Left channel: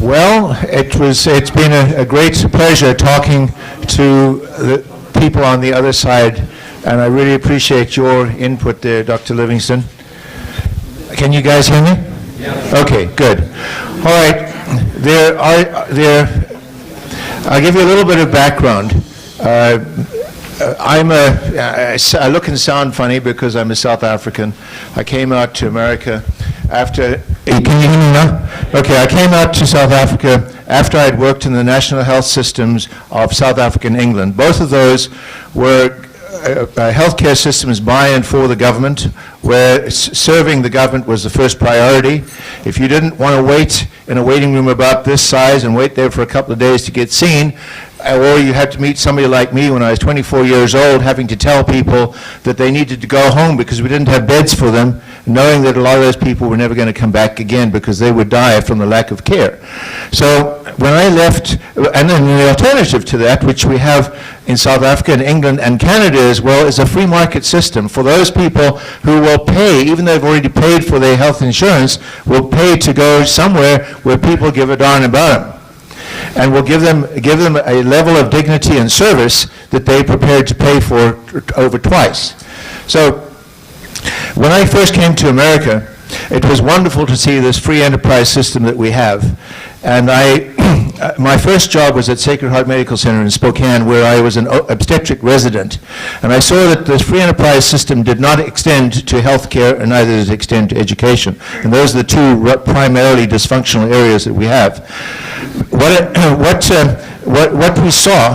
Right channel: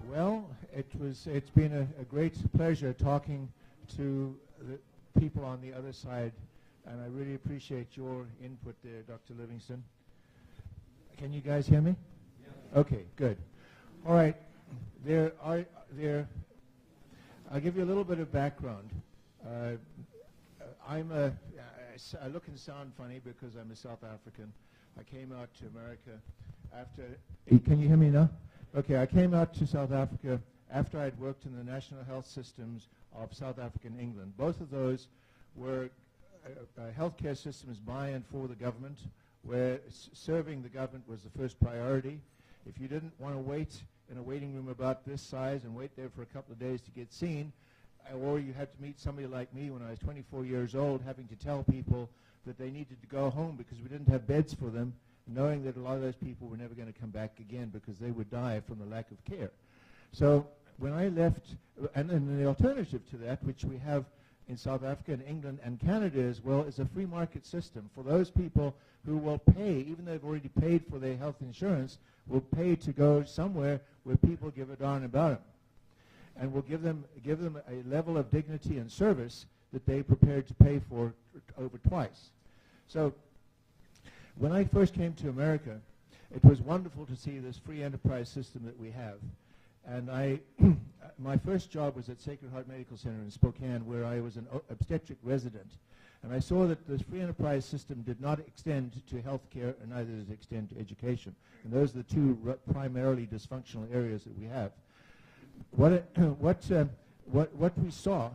Well, it's been a great pleasure talking to the people on the other side, and I really appreciate your input there, Dr. Livingston. Can you guys hear me? Yeah. Okay, good. All right, I'll give you a little bit of background. I look and sound funny because I'm a South African. I came out to America after, can you hear me now? Okay, I came out to South Africa after I'd worked in the national health systems of South Africa and England. Both of those were healthcare systems by and for the government, where serving the government was the first priority. If you didn't want to wait in a waiting room about this size and wait there for a couple of days to get seen, or you had to meet somebody like me when I was 24 years old, having to tell people that they needed to go home because we didn't have beds for them, knowing that a lot of those people were never going to come back again because they would die from the lack of care. So when I left, and then the alternative to that, which we have in South Africa and England and Canada as well, is a free market system for those people who will pay, even though they've already paid for their health insurance, will pay to go somewhere where people give a darn about them, and will give them a level of dignity and service that they're prepared to pay for over twice. So when I first came to America, it was wonderful to see this free enterprise system that we have. And my first job was at Sacred Heart Medical Center in Spokane, where I was an obstetric resident. And I saw that this free enterprise system did not extend to healthcare, and neither does it extend to education. And those are the two primarily dysfunctional areas that we have. What we saw,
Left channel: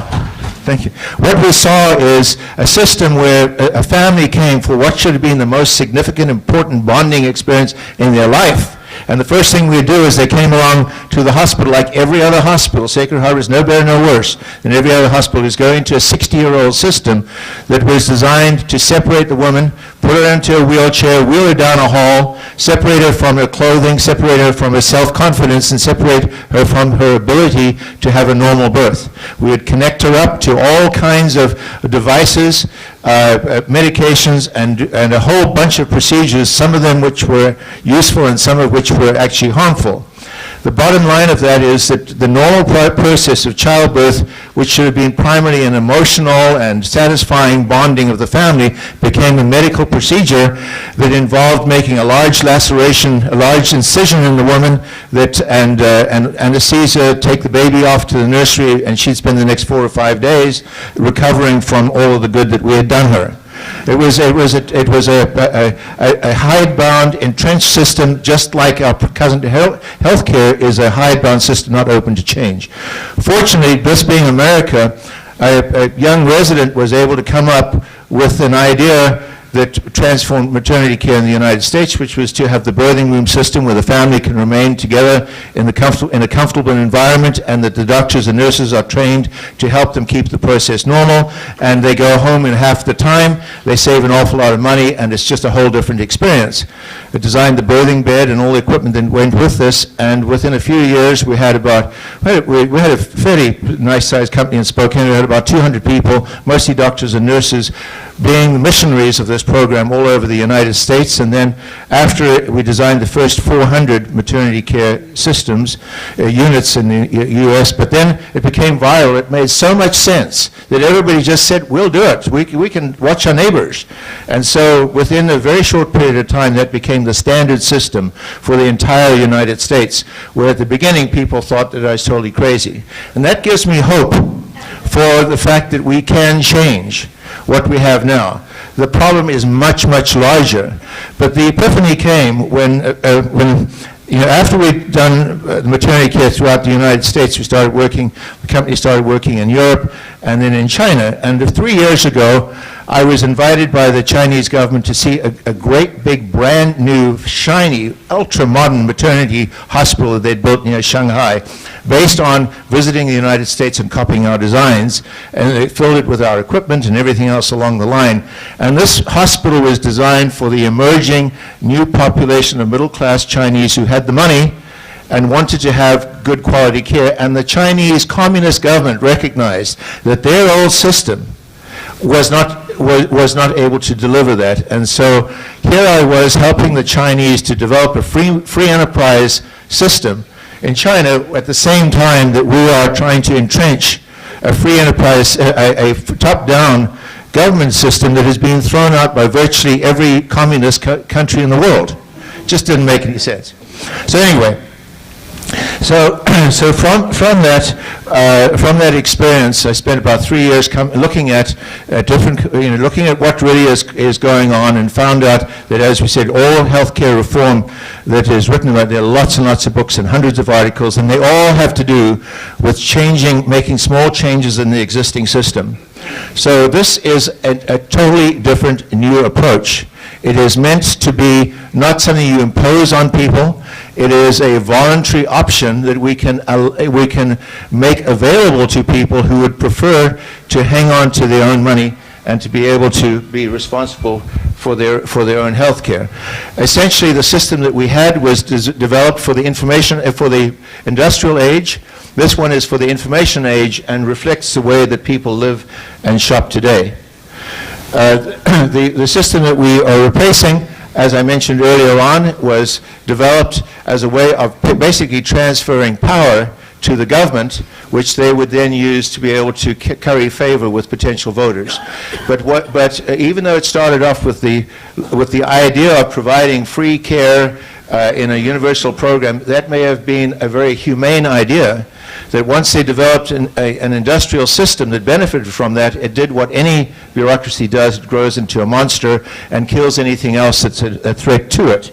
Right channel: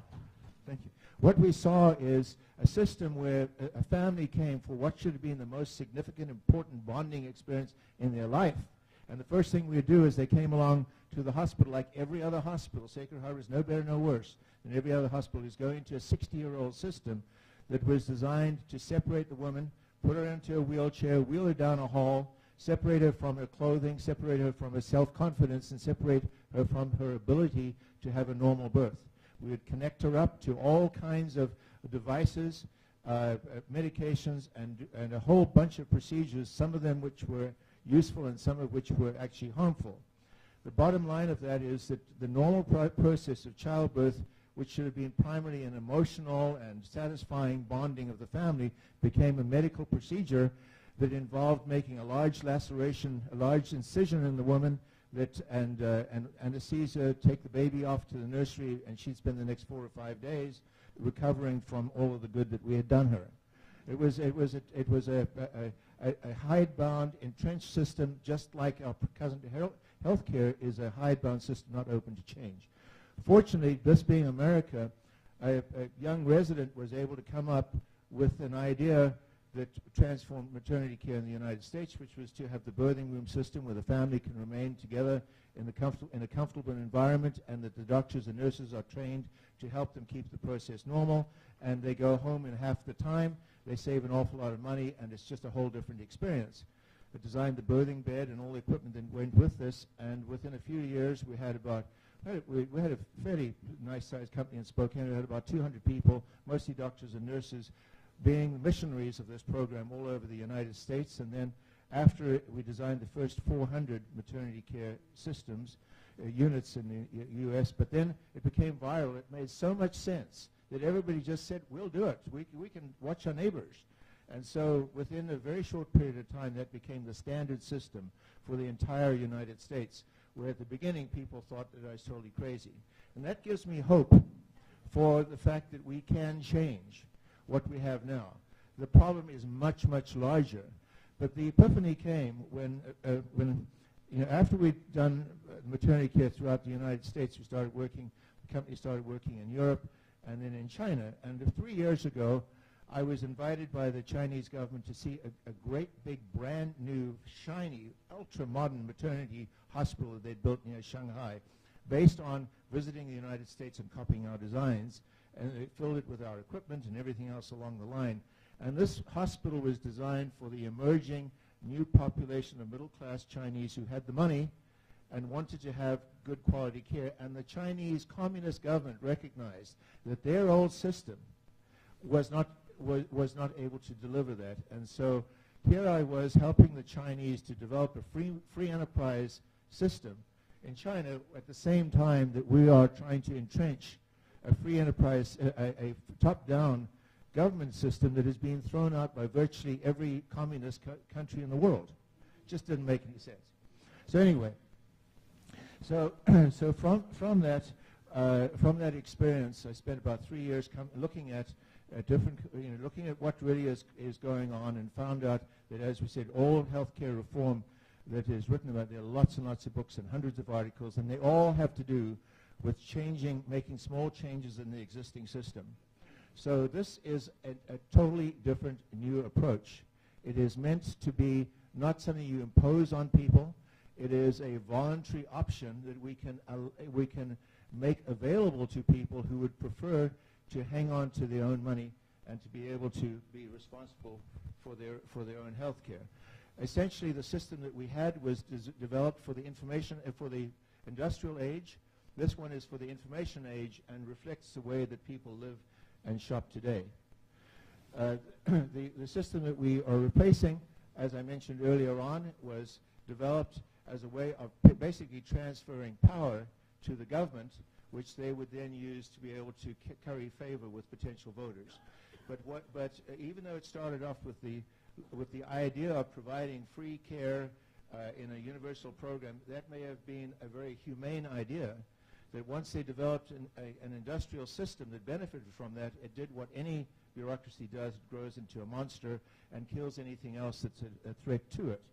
thank you. What we saw is a system where a family came for what should have been the most significant, important bonding experience in their life. And the first thing we do is they came along to the hospital like every other hospital. Sacred Heart is no better, no worse than every other hospital. Is going to a 60-year-old system that was designed to separate the woman, put her into a wheelchair, wheel her down a hall, separate her from her clothing, separate her from her self-confidence, and separate her from her ability to have a normal birth. We would connect her up to all kinds of devices, medications, and a whole bunch of procedures, some of them which were useful and some of which were actually harmful. The bottom line of that is that the normal process of childbirth, which should have been primarily an emotional and satisfying bonding of the family, became a medical procedure that involved making a large laceration, a large incision in the woman, and anesthesia, take the baby off to the nursery, and she'd spend the next 4 or 5 days recovering from all of the good that we had done her. It was a hidebound, entrenched system, just like our cousin to healthcare is a hidebound system not open to change. Fortunately, this being America, a young resident was able to come up with an idea that transformed maternity care in the United States, which was to have the birthing room system where the family can remain together in a comfortable environment, and that the doctors and nurses are trained to help them keep the process normal, and they go home in half the time. They save an awful lot of money, and it's just a whole different experience. It designed the birthing bed and all the equipment that went with this, and within a few years we had we had a fairly nice-sized company in Spokane. We had about 200 people, mostly doctors and nurses, being the missionaries of this program all over the United States. And then after we designed the first 400 maternity care systems, units in the U.S., but then it became viral. It made so much sense that everybody just said, we'll do it. We can watch our neighbors. And so within a very short period of time, that became the standard system for the entire United States, where at the beginning people thought that I was totally crazy. And that gives me hope for the fact that we can change what we have now. The problem is much, much larger. But the epiphany came when after we'd done maternity care throughout the United States, the company started working in Europe and then in China. And 3 years ago, I was invited by the Chinese government to see a great big brand new, shiny, ultra-modern maternity hospital that they'd built near Shanghai, based on visiting the United States and copying our designs, and they filled it with our equipment and everything else along the line. And this hospital was designed for the emerging new population of middle-class Chinese who had the money and wanted to have good quality care. And the Chinese Communist government recognized that their old system was not able to deliver that. And so here I was helping the Chinese to develop a free enterprise system in China at the same time that we are trying to entrench a free enterprise, a top-down government system that has been thrown out by virtually every communist country in the world. Just didn't make any sense. So anyway, so from that experience, I spent about 3 years looking at looking at what really is going on, and found out that, as we said, all healthcare reform that is written about, there are lots and lots of books and hundreds of articles, and they all have to do with making small changes in the existing system. So this is a totally different new approach. It is meant to be not something you impose on people. It is a voluntary option that we can make available to people who would prefer to hang on to their own money and to be able to be responsible for their own health care. Essentially, the system that we had was developed for the industrial age. This one is for the information age and reflects the way that people live and shop today. The system that we are replacing, as I mentioned earlier on, was developed as a way of basically transferring power to the government, which they would then use to be able to curry favor with potential voters. But even though it started off with the idea of providing free care in a universal program, that may have been a very humane idea, that once they developed an industrial system that benefited from that, it did what any bureaucracy does: it grows into a monster and kills anything else that's a threat to it.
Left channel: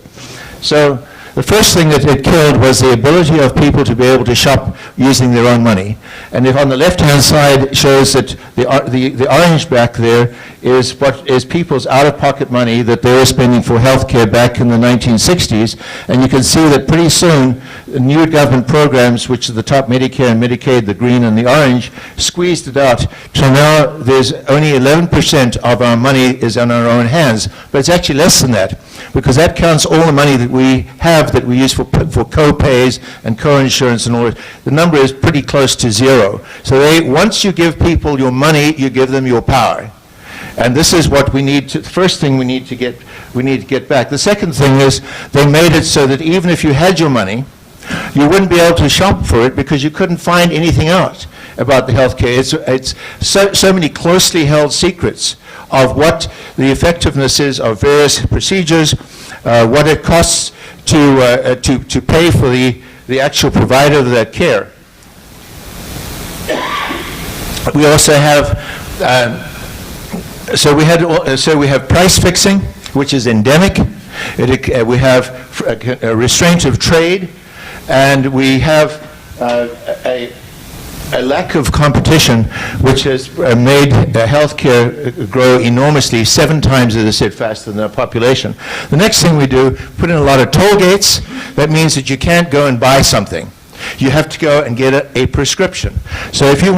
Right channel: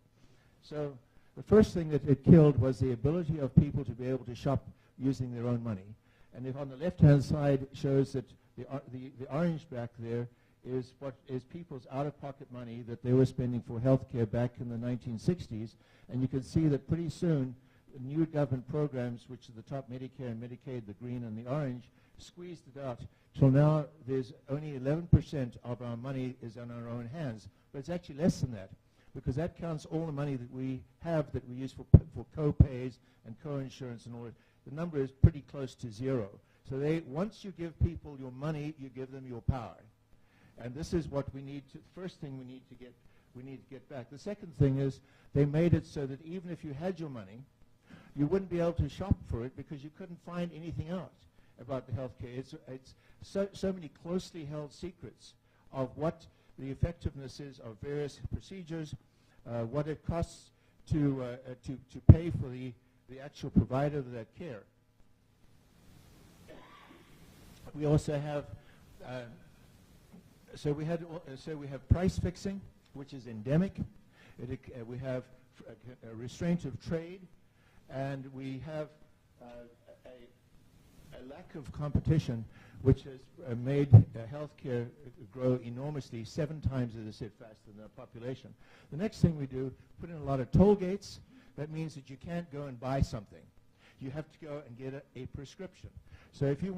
So the first thing that it killed was the ability of people to be able to shop using their own money. And if on the left-hand side shows that the orange back there is what is people's out-of-pocket money that they were spending for health care back in the 1960s. And you can see that pretty soon new government programs, which are the top, Medicare and Medicaid, the green and the orange, squeezed it out. So now there's only 11% of our money is in our own hands. But it's actually less than that, because that counts all the money that we have that we use for co-pays and co-insurance and all that. The number is pretty close to zero. So once you give people your money, you give them your power. And this is what we need to, the first thing we need to get back. The second thing is they made it so that even if you had your money, you wouldn't be able to shop for it because you couldn't find anything out about the health care. It's so many closely held secrets of what the effectiveness is of various procedures, what it costs to pay for the actual provider of that care. We also have so we have price fixing, which is endemic. We have a restraint of trade, and we have a lack of competition, which has made healthcare grow enormously, 7 times, as I said, faster than the population. The next thing we do, put in a lot of toll gates. That means that you can't go and buy something. You have to go and get a prescription. So if you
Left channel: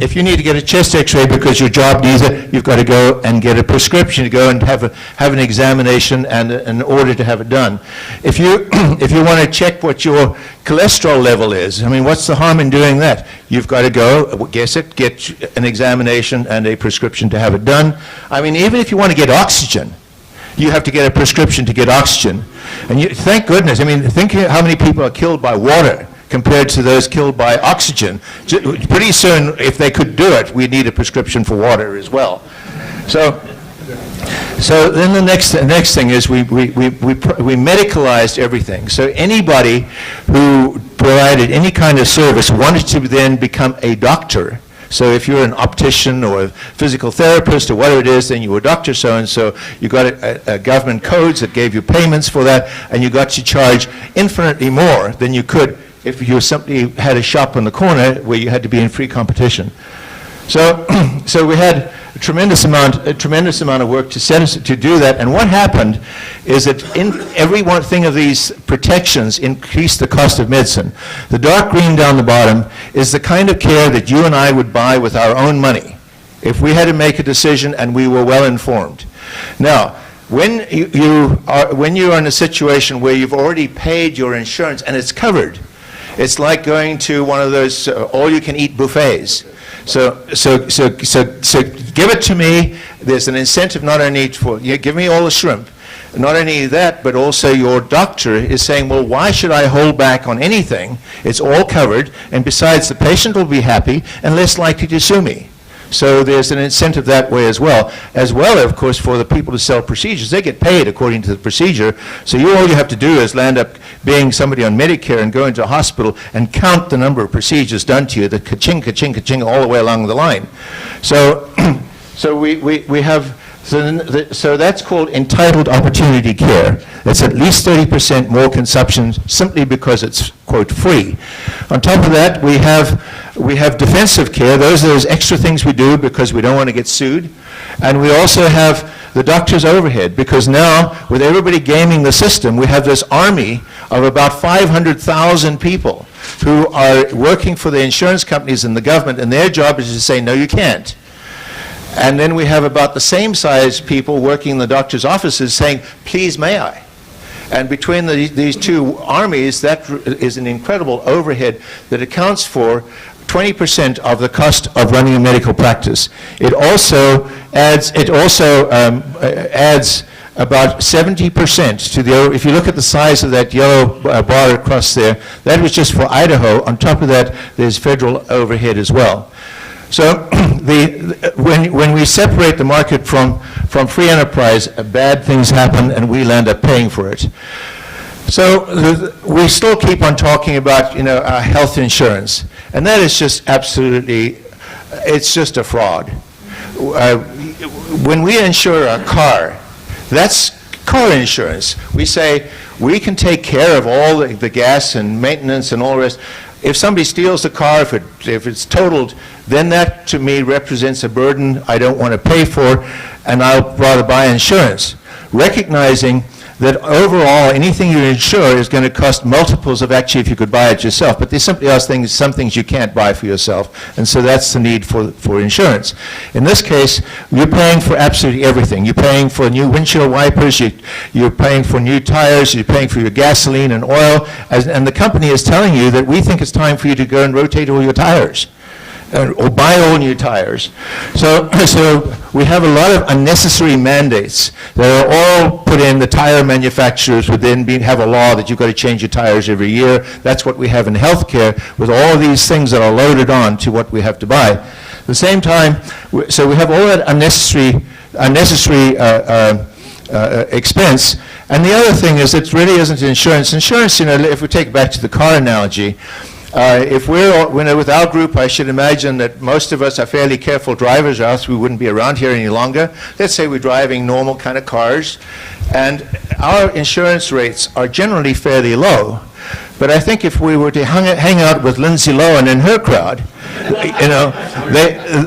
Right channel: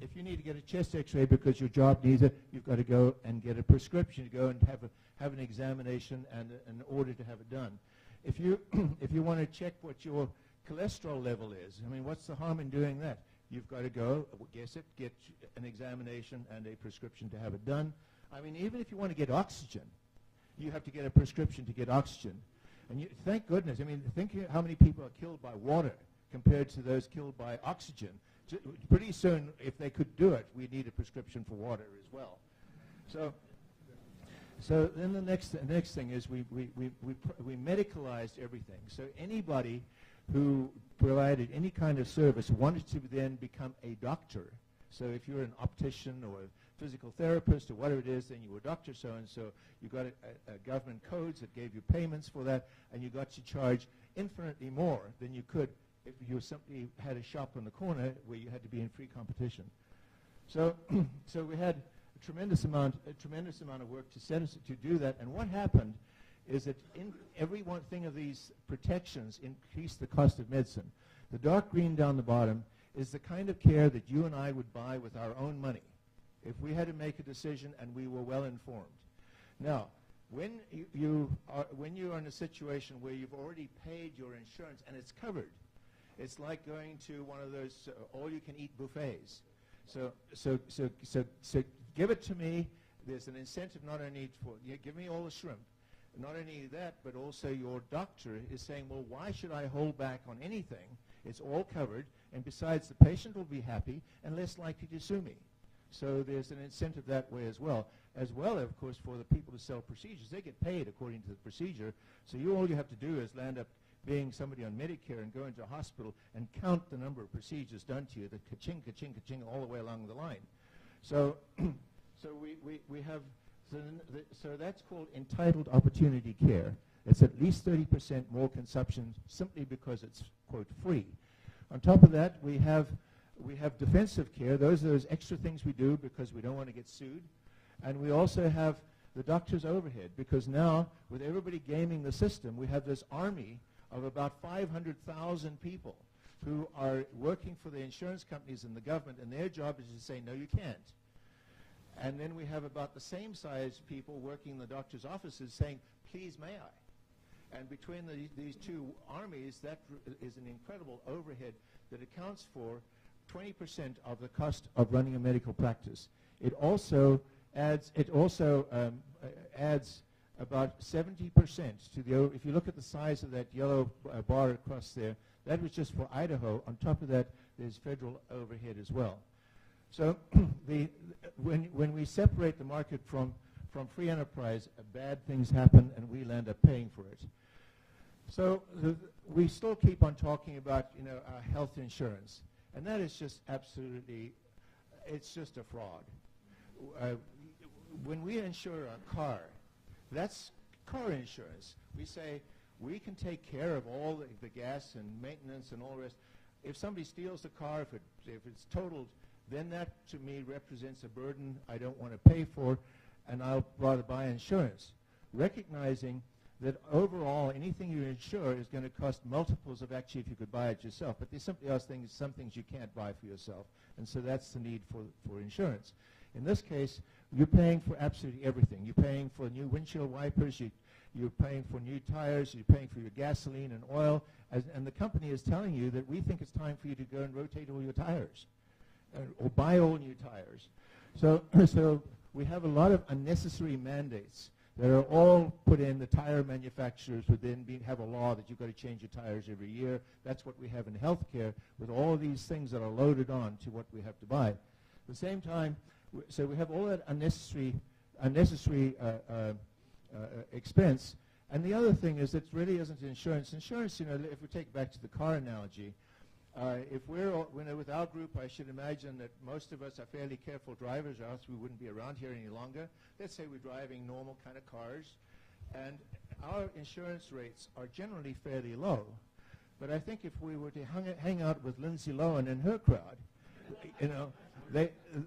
if you need to get a chest X-ray because your job needs it, you've got to go and get a prescription to go and have an examination and an order to have it done. If you want to check what your cholesterol level is, I mean, what's the harm in doing that? You've got to go, get an examination and a prescription to have it done. I mean, even if you want to get oxygen, you have to get a prescription to get oxygen. And thank goodness, I mean, think how many people are killed by water compared to those killed by oxygen. Pretty soon, if they could do it, we'd need a prescription for water as well. So then the next thing is we medicalized everything. So anybody who provided any kind of service wanted to then become a doctor. So if you're an optician or a physical therapist or whatever it is, then you were Dr. So-and-so. You got a government codes that gave you payments for that, and you got to charge infinitely more than you could if you simply had a shop on the corner where you had to be in free competition. So we had a tremendous amount of work to do that. And what happened is that in every one thing of these protections increased the cost of medicine. The dark green down the bottom is the kind of care that you and I would buy with our own money if we had to make a decision and we were well informed. Now, when you are in a situation where you've already paid your insurance and it's covered, it's like going to one of those all-you-can-eat buffets. So give it to me. There's an incentive not only for, give me all the shrimp, not only that, but also your doctor is saying, well, why should I hold back on anything? It's all covered, and besides, the patient will be happy and less likely to sue me. So there's an incentive that way as well, of course, for the people to sell procedures. They get paid according to the procedure, so all you have to do is land up being somebody on Medicare and go into a hospital and count the number of procedures done to you, the ka-ching, ka-ching, ka-ching, all the way along the line. So, we have, so that's called entitled opportunity care. It's at least 30% more consumption simply because it's, quote, free. On top of that, we have defensive care. Those are those extra things we do because we don't want to get sued. And we also have the doctor's overhead, because now, with everybody gaming the system, we have this army of about 500,000 people who are working for the insurance companies and the government, and their job is to say, no, you can't. And then we have about the same size people working in the doctor's offices saying, please, may I? And between these two armies, that is an incredible overhead that accounts for 20% of the cost of running a medical practice. It also adds about 70% to the, if you look at the size of that yellow bar across there, that was just for Idaho. On top of that, there's federal overhead as well. So when we separate the market from free enterprise, bad things happen and we'll end up paying for it. So we still keep on talking about, health insurance, and that is just absolutely, it's just a fraud. When we insure a car, that's car insurance. We say we can take care of all the gas and maintenance and all the rest. If somebody steals the car, if it's totaled, then that to me represents a burden I don't want to pay for, and I'll rather buy insurance, recognizing that overall anything you insure is going to cost multiples of actually if you could buy it yourself. But there simply are some things you can't buy for yourself, and so that's the need for insurance. In this case, you're paying for absolutely everything. You're paying for new windshield wipers, you're paying for new tires, you're paying for your gasoline and oil, and the company is telling you that we think it's time for you to go and rotate all your tires. Or buy all new tires. So we have a lot of unnecessary mandates that are all put in. The tire manufacturers would then have a law that you've got to change your tires every year. That's what we have in healthcare, with all of these things that are loaded on to what we have to buy. At the same time, so we have all that unnecessary expense. And the other thing is, it really isn't insurance. Insurance, if we take it back to the car analogy, if we're with our group, I should imagine that most of us are fairly careful drivers, or else we wouldn't be around here any longer. Let's say we're driving normal kind of cars, and our insurance rates are generally fairly low. But I think if we were to hang out with Lindsay Lohan and her crowd,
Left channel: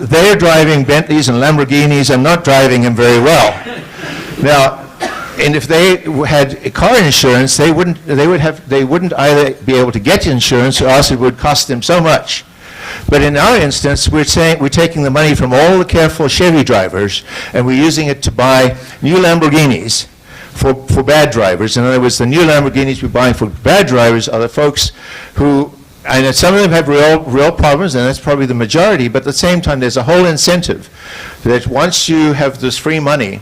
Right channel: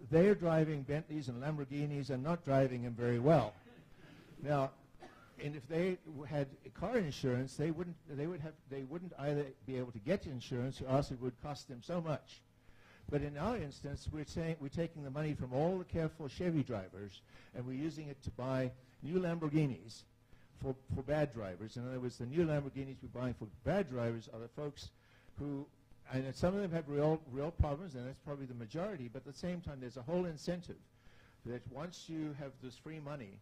they're driving Bentleys and Lamborghinis and not driving them very well. Now, and if they had car insurance, they wouldn't either be able to get insurance, or else it would cost them so much. But in our instance, we're taking the money from all the careful Chevy drivers, and we're using it to buy new Lamborghinis for bad drivers. In other words, the new Lamborghinis we're buying for bad drivers are the folks who, and some of them have real problems, and that's probably the majority, but at the same time, there's a whole incentive that once you have this free money,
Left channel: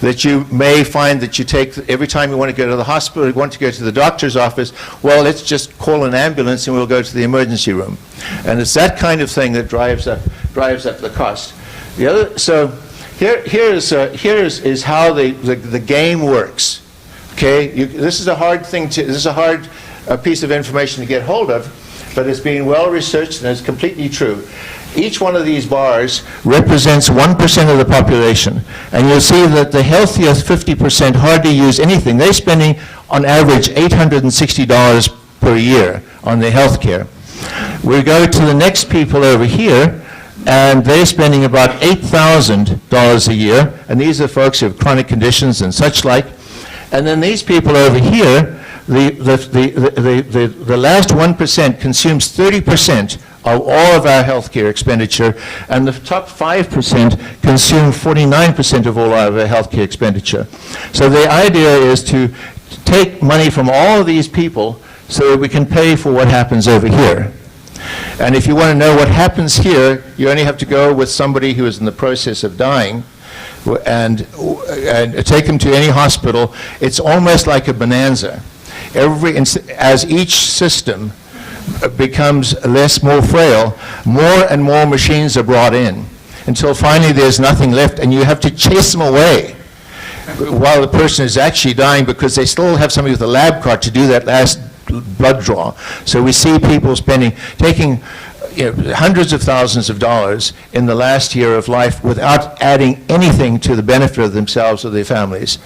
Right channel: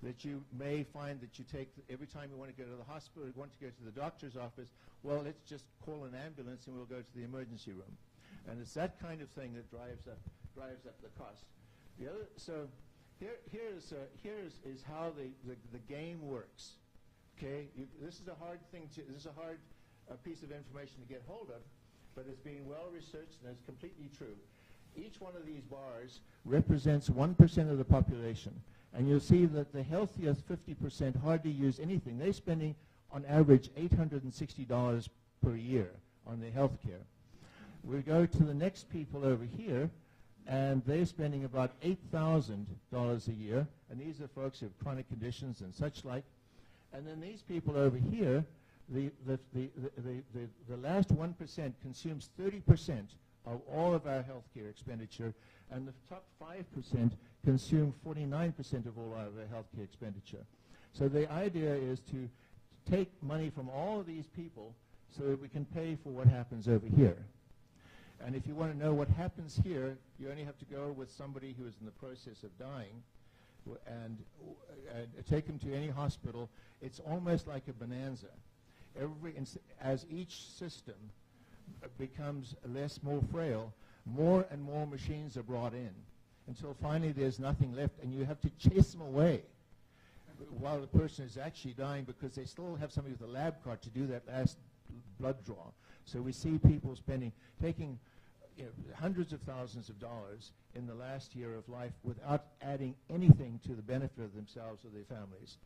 that you may find that you take, every time you want to go to the hospital, you want to go to the doctor's office, well, let's just call an ambulance and we'll go to the emergency room. And it's that kind of thing that drives up the cost. The other, so here is how the game works. Okay, this is a hard thing this is a hard piece of information to get hold of, but it's been well researched and it's completely true. Each one of these bars represents 1% of the population. And you'll see that the healthiest 50% hardly use anything. They're spending, on average, $860 per year on their health care. We go to the next people over here, and they're spending about $8,000 a year. And these are folks who have chronic conditions and such like. And then these people over here, the last 1% consumes 30% of all of our healthcare expenditure, and the top 5% consume 49% of all of our healthcare expenditure. So the idea is to take money from all of these people so that we can pay for what happens over here. And if you want to know what happens here, you only have to go with somebody who is in the process of dying, and take them to any hospital, it's almost like a bonanza. As each system becomes more frail, more and more machines are brought in until finally there's nothing left, and you have to chase them away while the person is actually dying because they still have somebody with a lab cart to do that last blood draw. So we see people taking hundreds of thousands of dollars in the last year of life without adding anything to the benefit of themselves or their families.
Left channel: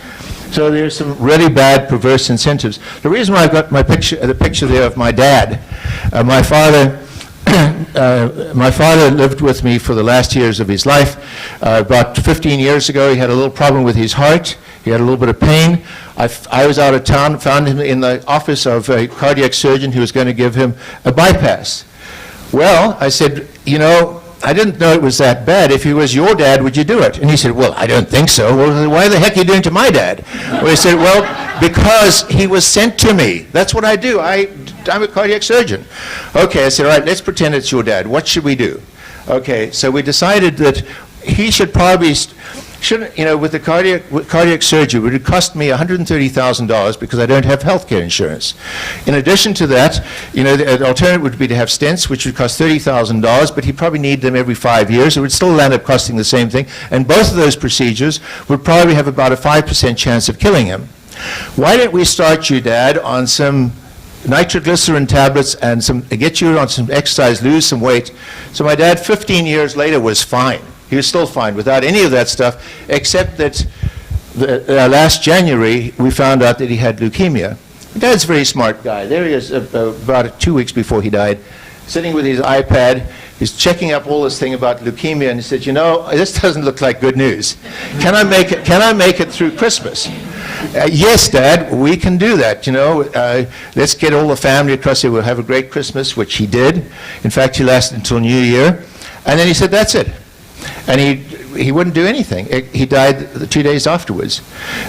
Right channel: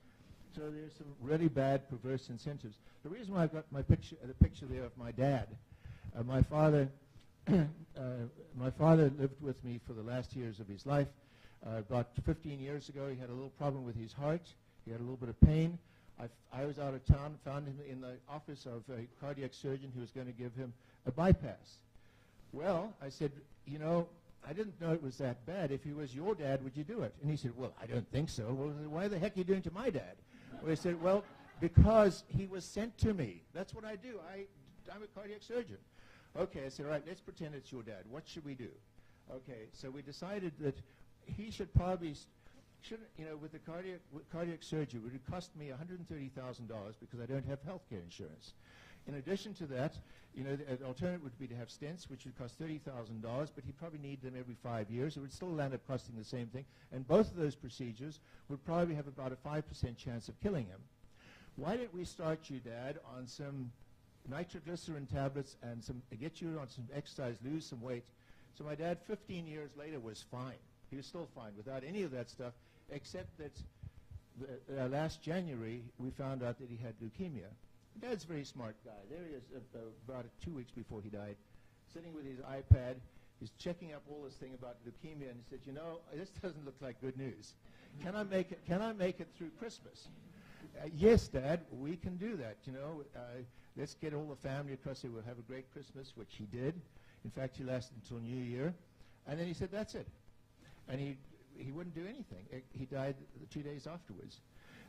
So there's some really bad, perverse incentives. The reason why I've got the picture there of my dad, my father lived with me for the last years of his life. About 15 years ago, he had a little problem with his heart. He had a little bit of pain. I was out of town, found him in the office of a cardiac surgeon who was going to give him a bypass. Well, I said, I didn't know it was that bad. If he was your dad, would you do it? And he said, well, I don't think so. Well, why the heck are you doing it to my dad? Well, he said, well, because he was sent to me. That's what I do. I'm a cardiac surgeon. Okay, I said, all right, let's pretend it's your dad. What should we do? Okay, so we decided that he should probably, with the cardiac surgery, it would cost me $130,000 because I don't have health care insurance. In addition to that, the alternative would be to have stents, which would cost $30,000, but he'd probably need them every 5 years. It would still end up costing the same thing. And both of those procedures would probably have about a 5% chance of killing him. Why don't we start you, Dad, on some nitroglycerin tablets and get you on some exercise, lose some weight. So my dad, 15 years later, was fine. He was still fine without any of that stuff, except that last January, we found out that he had leukemia. My dad's a very smart guy. There he is about 2 weeks before he died, sitting with his iPad. He's checking up all this thing about leukemia, and he said, this doesn't look like good news. Can I make it through Christmas? Yes, Dad, we can do that. Let's get all the family across here. We'll have a great Christmas, which he did. In fact, he lasted until New Year. And then he said, that's it. And he wouldn't do anything. He died 2 days afterwards.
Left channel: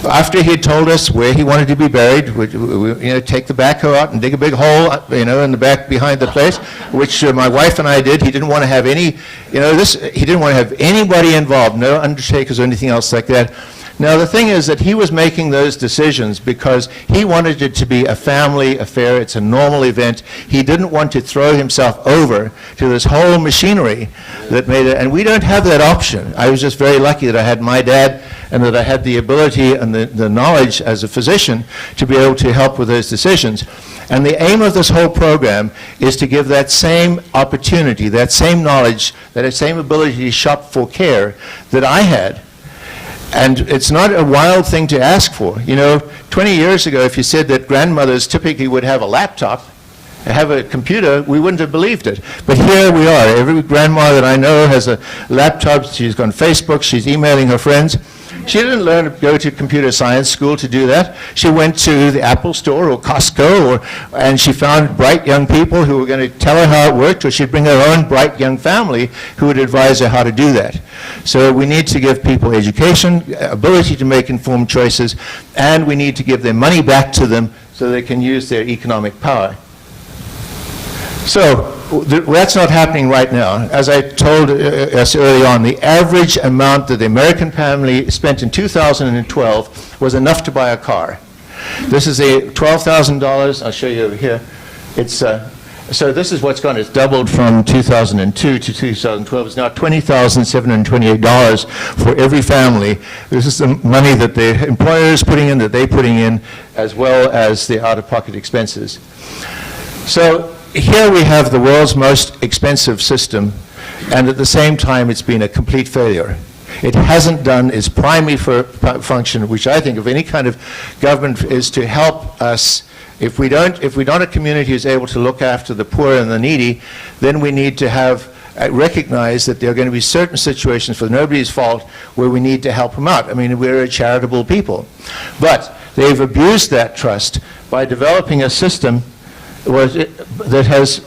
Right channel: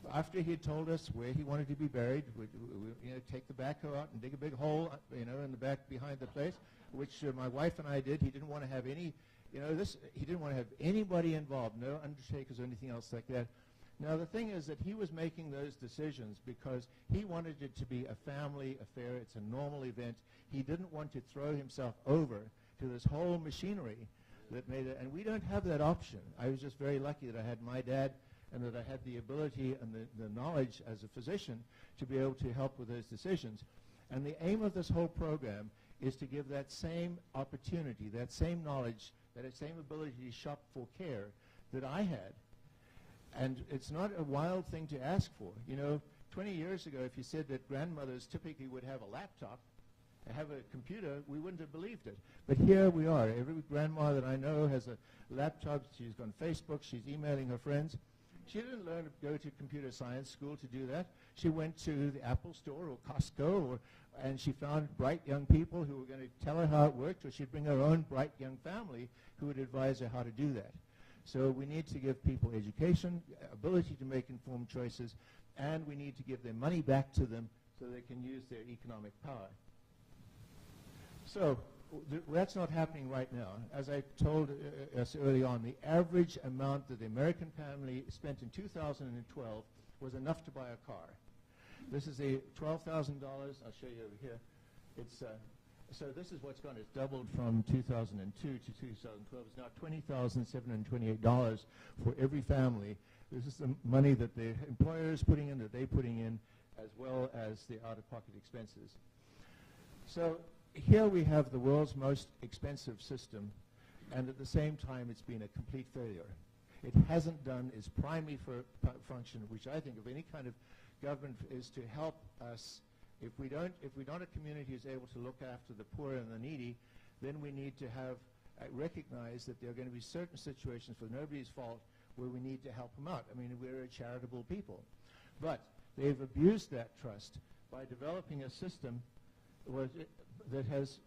After he had told us where he wanted to be buried, we'd take the backhoe out and dig a big hole, in the back behind the place, which my wife and I did. He didn't want to have any, he didn't want to have anybody involved, no undertakers or anything else like that. Now, the thing is that he was making those decisions because he wanted it to be a family affair. It's a normal event. He didn't want to throw himself over to this whole machinery that made it, and we don't have that option. I was just very lucky that I had my dad and that I had the ability and the knowledge as a physician to be able to help with those decisions. And the aim of this whole program is to give that same opportunity, that same knowledge, that same ability to shop for care that I had. And it's not a wild thing to ask for. 20 years ago, if you said that grandmothers typically would have a laptop, have a computer, we wouldn't have believed it. But here we are. Every grandma that I know has a laptop. She's on Facebook. She's emailing her friends. She didn't go to computer science school to do that. She went to the Apple store or Costco, and she found bright young people who were going to tell her how it worked, or she'd bring her own bright young family who would advise her how to do that. So we need to give people education, ability to make informed choices, and we need to give their money back to them so they can use their economic power. So that's not happening right now. As I told us early on, the average amount that the American family spent in 2012 was enough to buy a car. This is a $12,000. I'll show you over here. So this is what's gone. It's doubled from 2002 to 2012. It's now $20,728 for every family. This is the money that the employer is putting in, that they're putting in, as well as the out-of-pocket expenses. So here we have the world's most expensive system, and at the same time it's been a complete failure. It hasn't done its primary function, which I think of any kind of government is to help us. If we don't a community is able to look after the poor and the needy, then we need to recognize that there are going to be certain situations, for nobody's fault, where we need to help them out. I mean, we're a charitable people. But they've abused that trust by developing a system that has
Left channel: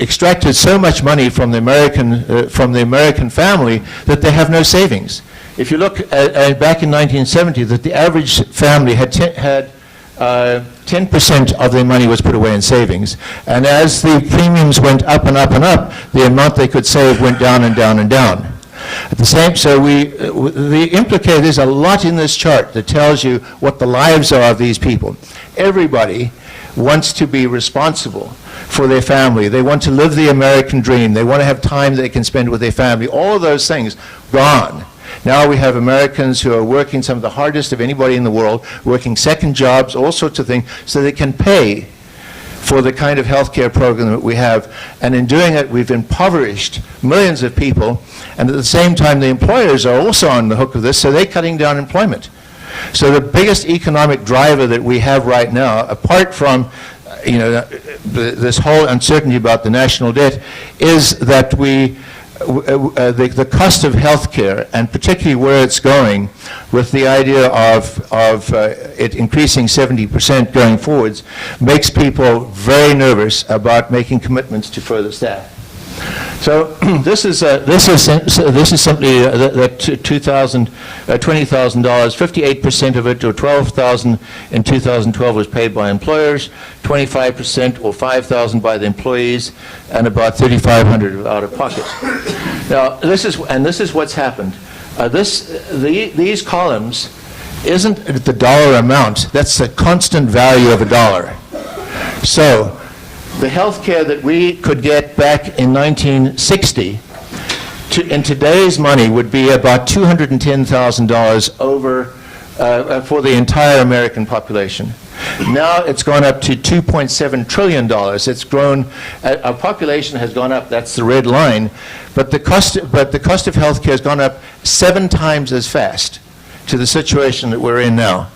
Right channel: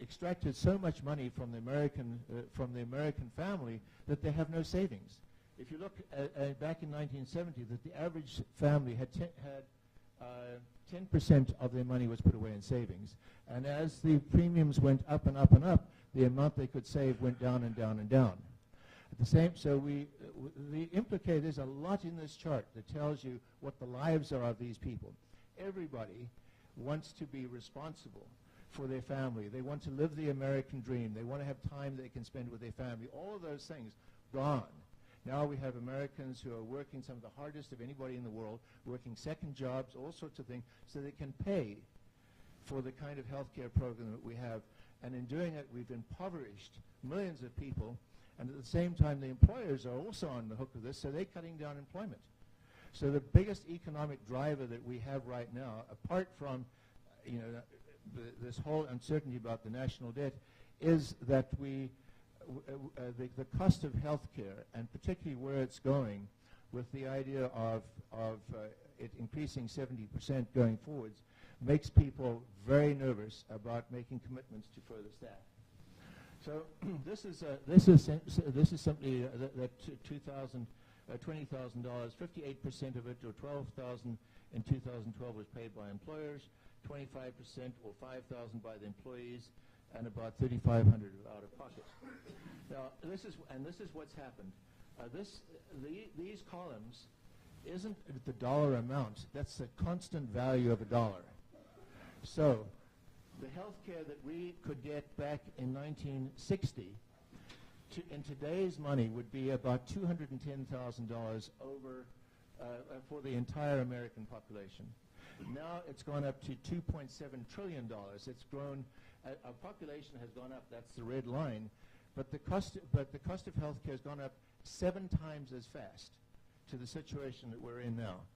extracted so much money from the American family that they have no savings. If you look at back in 1970, that the average family had 10% of their money was put away in savings, and as the premiums went up and up and up, the amount they could save went down and down and down. There's a lot in this chart that tells you what the lives are of these people. Everybody wants to be responsible for their family. They want to live the American dream. They want to have time they can spend with their family. All of those things gone. Now we have Americans who are working some of the hardest of anybody in the world, working second jobs, all sorts of things, so they can pay for the kind of health care program that we have. And in doing it, we've impoverished millions of people. And at the same time, the employers are also on the hook of this, so they're cutting down employment. So the biggest economic driver that we have right now, apart from this whole uncertainty about the national debt, is that the cost of health care, and particularly where it's going, with the idea of it increasing 70% going forwards, makes people very nervous about making commitments to further staff. So this is simply that $20,000, 58% of it, or $12,000 in 2012, was paid by employers, 25% or $5,000 by the employees, and about $3,500 out of pocket. Now this is what's happened. These columns isn't the dollar amount. That's the constant value of a dollar. So the health care that we could get back in 1960 in today's money would be about $210,000 over for the entire American population. Now it's gone up to $2.7 trillion. It's grown, our population has gone up, that's the red line, but the cost of health care has gone up 7 times as fast to the situation that we're in now.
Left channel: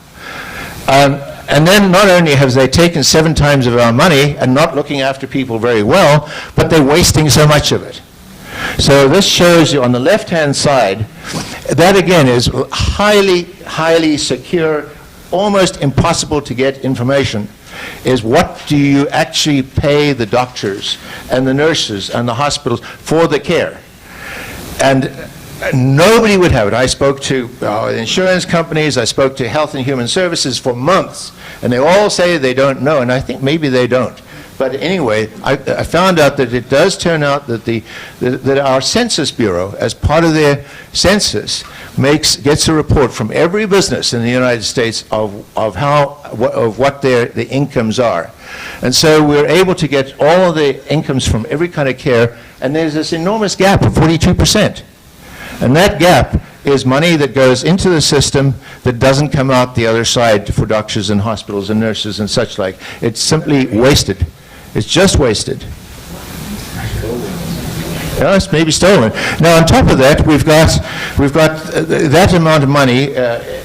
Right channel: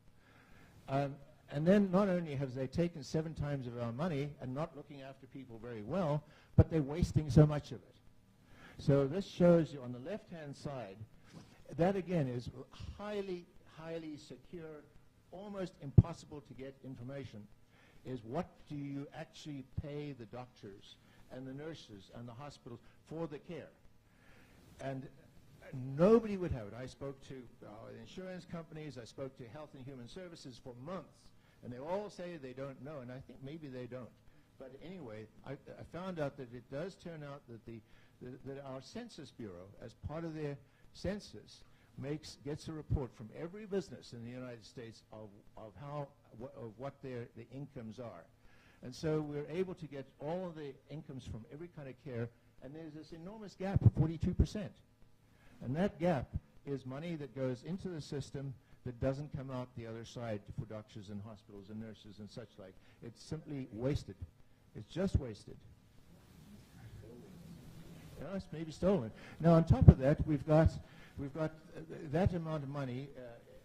And then not only have they taken 7 times of our money and not looking after people very well, but they're wasting so much of it. So this shows you on the left-hand side, that again is highly, highly secure, almost impossible to get information, is what do you actually pay the doctors and the nurses and the hospitals for the care. And nobody would have it. I spoke to insurance companies, I spoke to Health and Human Services for months, and they all say they don't know, and I think maybe they don't. But anyway, I found out that it does turn out that that our Census Bureau, as part of their census, gets a report from every business in the United States of what the incomes are. And so we're able to get all of the incomes from every kind of care, and there's this enormous gap of 42%. And that gap is money that goes into the system that doesn't come out the other side for doctors and hospitals and nurses and such like. It's simply wasted. It's just wasted. Yeah, it's maybe stolen. Now, on top of that, we've got that amount of money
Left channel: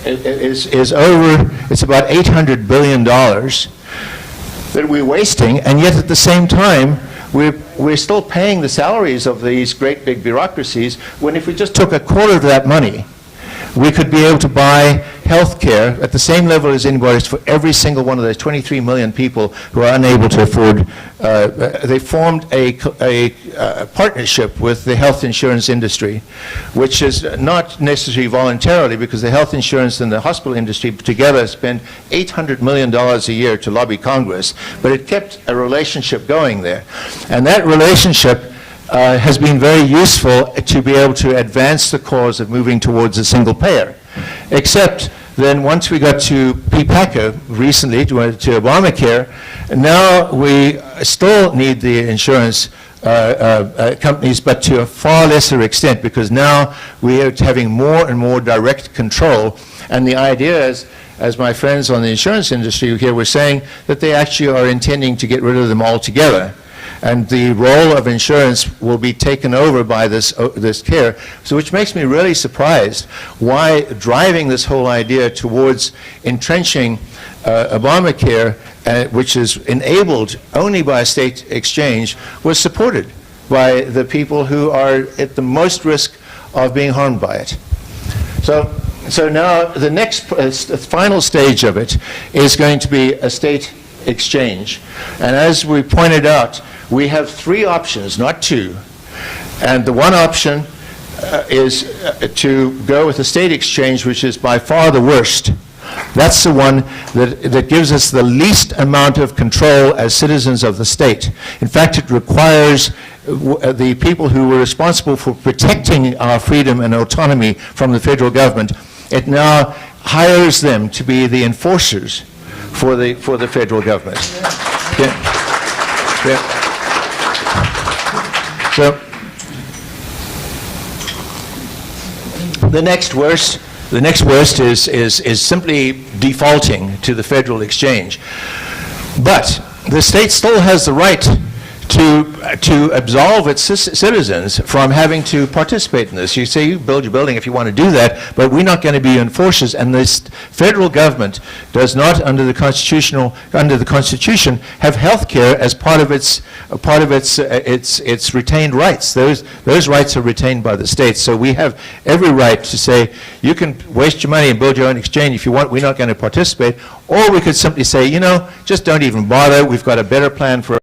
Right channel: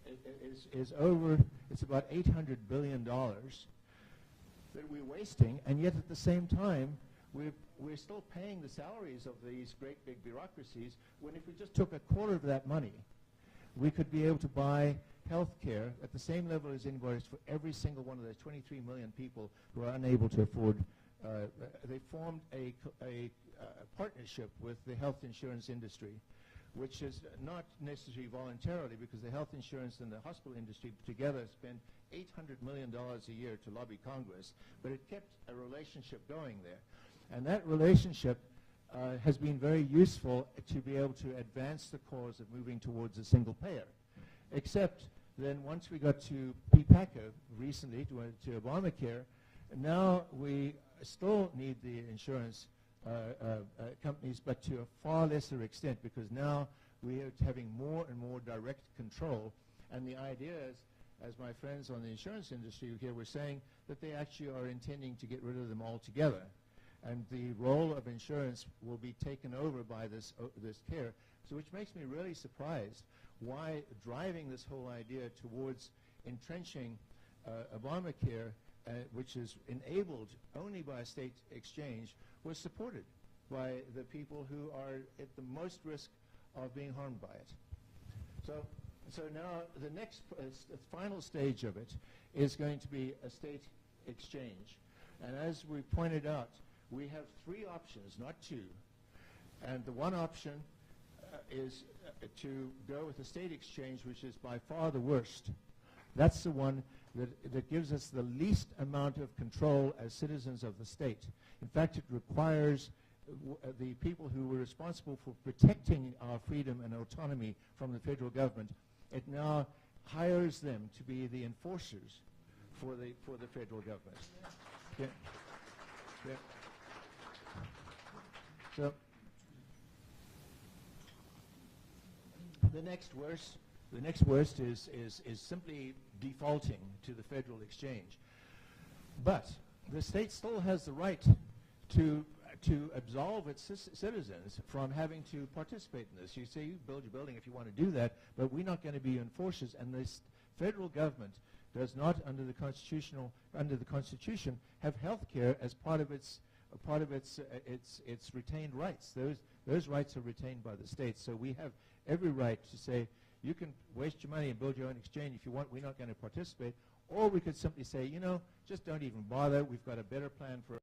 is over. It's about $800 billion that we're wasting, and yet at the same time, we're still paying the salaries of these great big bureaucracies, when if we just took a quarter of that money, we could be able to buy health care at the same level as anybody for every single one of those 23 million people who are unable to afford. They formed a partnership with the health insurance industry, which is not necessarily voluntarily, because the health insurance and the hospital industry together spend $800 million a year to lobby Congress, but it kept a relationship going there. And that relationship has been very useful to be able to advance the cause of moving towards a single payer. Except then once we got to PPACA recently, to Obamacare, now we still need the insurance companies, but to a far lesser extent, because now we are having more and more direct control. And the idea is, as my friends on the insurance industry here were saying, that they actually are intending to get rid of them altogether. And the role of insurance will be taken over by this care, so which makes me really surprised why driving this whole idea towards entrenching Obamacare, which is enabled only by a state exchange, was supported by the people who are at the most risk of being harmed by it. So now the next final stage of it is going to be a state exchange. And as we pointed out, we have 3 options, not 2. And the one option is to go with a state exchange, which is by far the worst. That's the one that gives us the least amount of control as citizens of the state. In fact, it requires the people who were responsible for protecting our freedom and autonomy from the federal government, it now hires them to be the enforcers for the federal government. Yeah. Yeah. So the next worst is simply defaulting to the federal exchange. But the state still has the right to absolve its citizens from having to participate in this. You say you build your building if you want to do that, but we're not going to be enforcers. And this federal government does not, under the Constitution, have health care as part of its retained rights. Those rights are retained by the states. So we have every right to say you can waste your money and build your own exchange if you want. We're not going to participate. Or we could simply say, you know, just don't even bother. We've got a better plan for.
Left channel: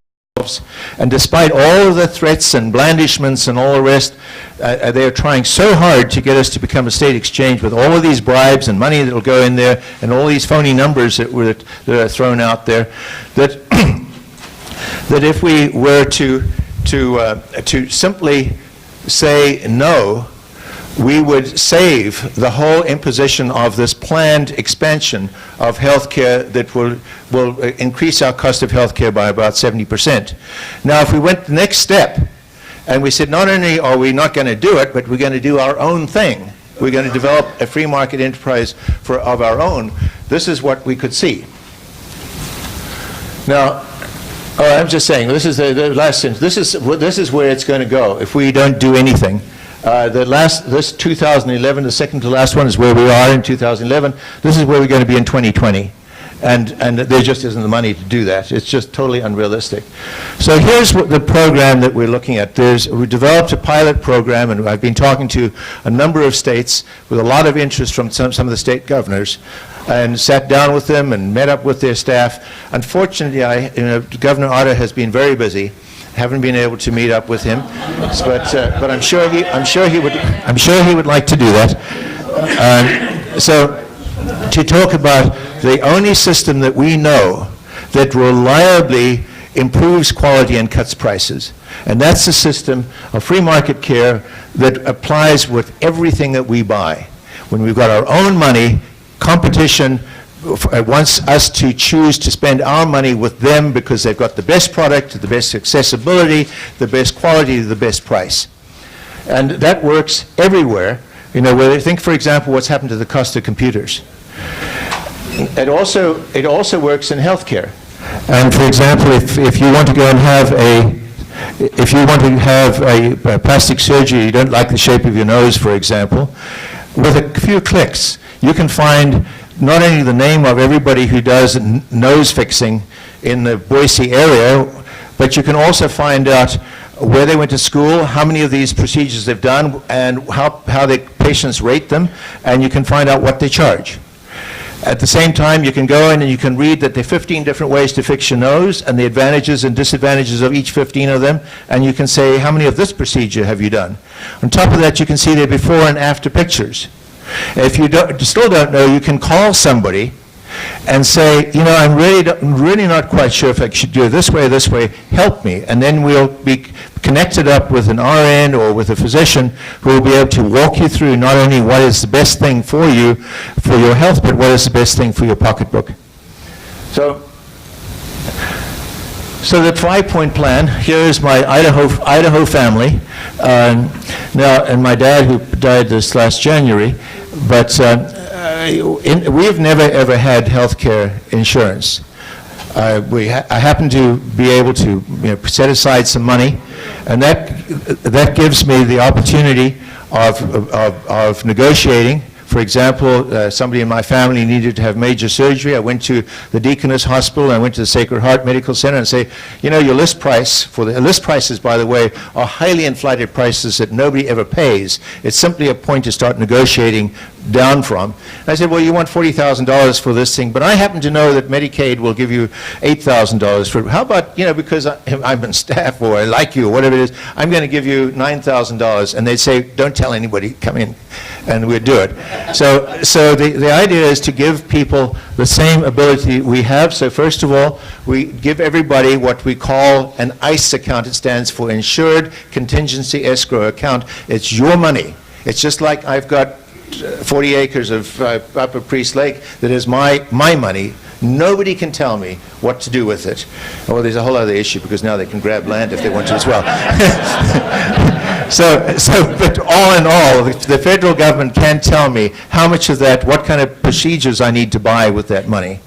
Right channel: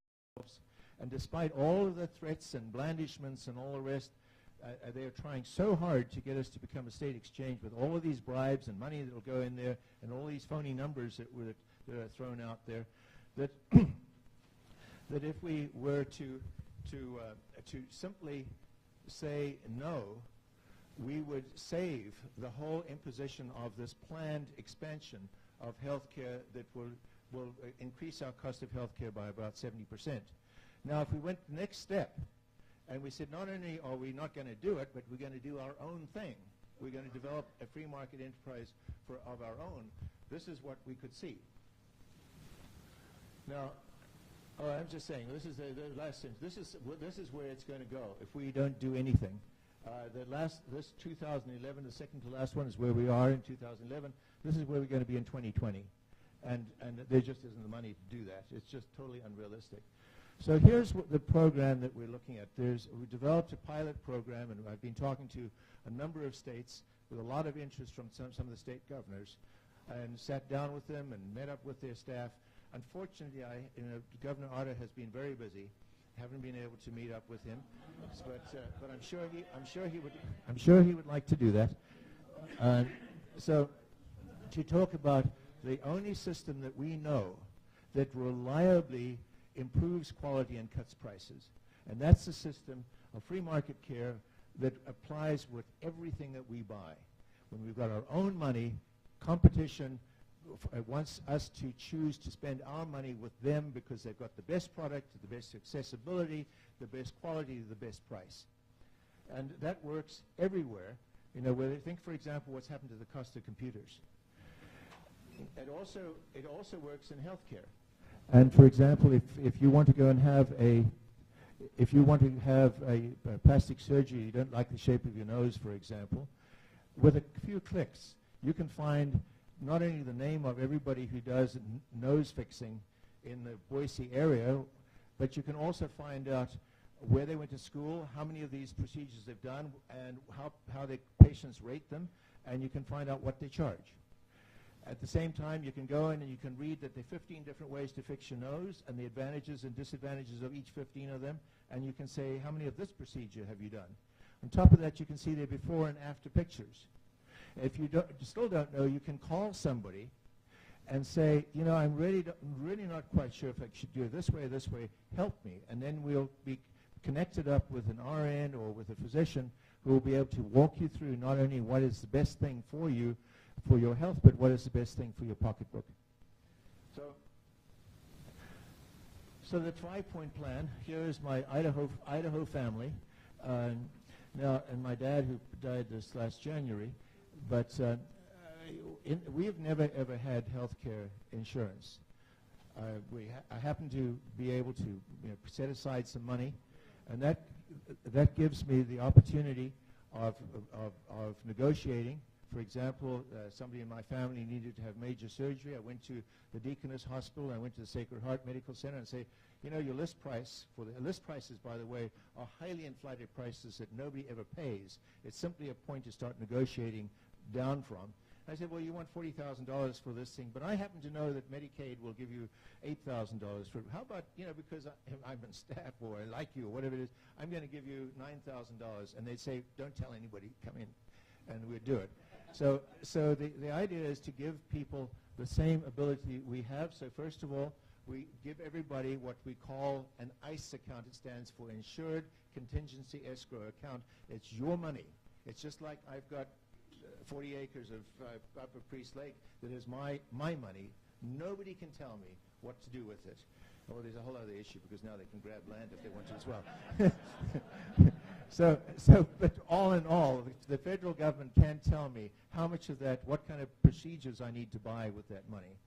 And despite all of the threats and blandishments and all the rest, they are trying so hard to get us to become a state exchange with all of these bribes and money that will go in there and all these phony numbers that are thrown out there, that that if we were to simply say no, we would save the whole imposition of this planned expansion of health care that will increase our cost of health care by about 70%. Now, if we went the next step and we said not only are we not going to do it, but we're going to do our own thing, we're going to develop a free market enterprise of our own, this is what we could see. Now, I'm just saying, this is the last sentence. This is where it's going to go if we don't do anything. This 2011, the second to last one, is where we are in 2011. This is where we're going to be in 2020. And there just isn't the money to do that. It's just totally unrealistic. So here's the program that we're looking at. We developed a pilot program, and I've been talking to a number of states with a lot of interest from some of the state governors, and sat down with them and met up with their staff. Unfortunately, Governor Otter has been very busy. Haven't been able to meet up with him, but I'm sure he would like to do that. So to talk about the only system that we know that reliably improves quality and cuts prices, and that's the system of free market care that applies with everything that we buy. When we've got our own money, competition wants us to choose to spend our money with them because they've got the best product, the best accessibility, the best quality, the best price. And that works everywhere. You know, where think, for example, what's happened to the cost of computers. It also works in healthcare. And for example, if you want to go and have a plastic surgery, you don't like the shape of your nose, for example, with a few clicks, you can find not only the name of everybody who does nose fixing in the Boise area, but you can also find out where they went to school, how many of these procedures they've done, and how the patients rate them, and you can find out what they charge. At the same time, you can go in and you can read that there are 15 different ways to fix your nose and the advantages and disadvantages of each 15 of them, and you can say, how many of this procedure have you done? On top of that, you can see their before and after pictures. If you still don't know, you can call somebody and say, you know, I'm really not quite sure if I should do it this way, help me. And then we'll be connected up with an RN or with a physician who will be able to walk you through not only what is the best thing for you, for your health, but what is the best thing for your pocketbook. So the 5-point plan, here is my Idaho family. Now, and my dad, who died this last January, but we've never ever had health care insurance. I happen to be able to set aside some money, and that gives me the opportunity of negotiating. For example, somebody in my family needed to have major surgery. I went to the Deaconess Hospital, I went to the Sacred Heart Medical Center and say, you know, your list prices, by the way, are highly inflated prices that nobody ever pays. It's simply a point to start negotiating down from. And I said, well, you want $40,000 for this thing, but I happen to know that Medicaid will give you $8,000 for it. How about, because I'm on staff or I like you or whatever it is, I'm going to give you $9,000. And they'd say, don't tell anybody, come in, and we'd do it. So the idea is to give people the same ability we have. So first of all, we give everybody what we call an ICE account. It stands for Insured Contingency Escrow Account. It's your money. It's just like I've got 40 acres of Upper Priest Lake that is my money. Nobody can tell me what to do with it. Well, there's a whole other issue because now they can grab land if they want to as well. But all in all, the federal government can tell me how much of that, what kind of procedures I need to buy with that money.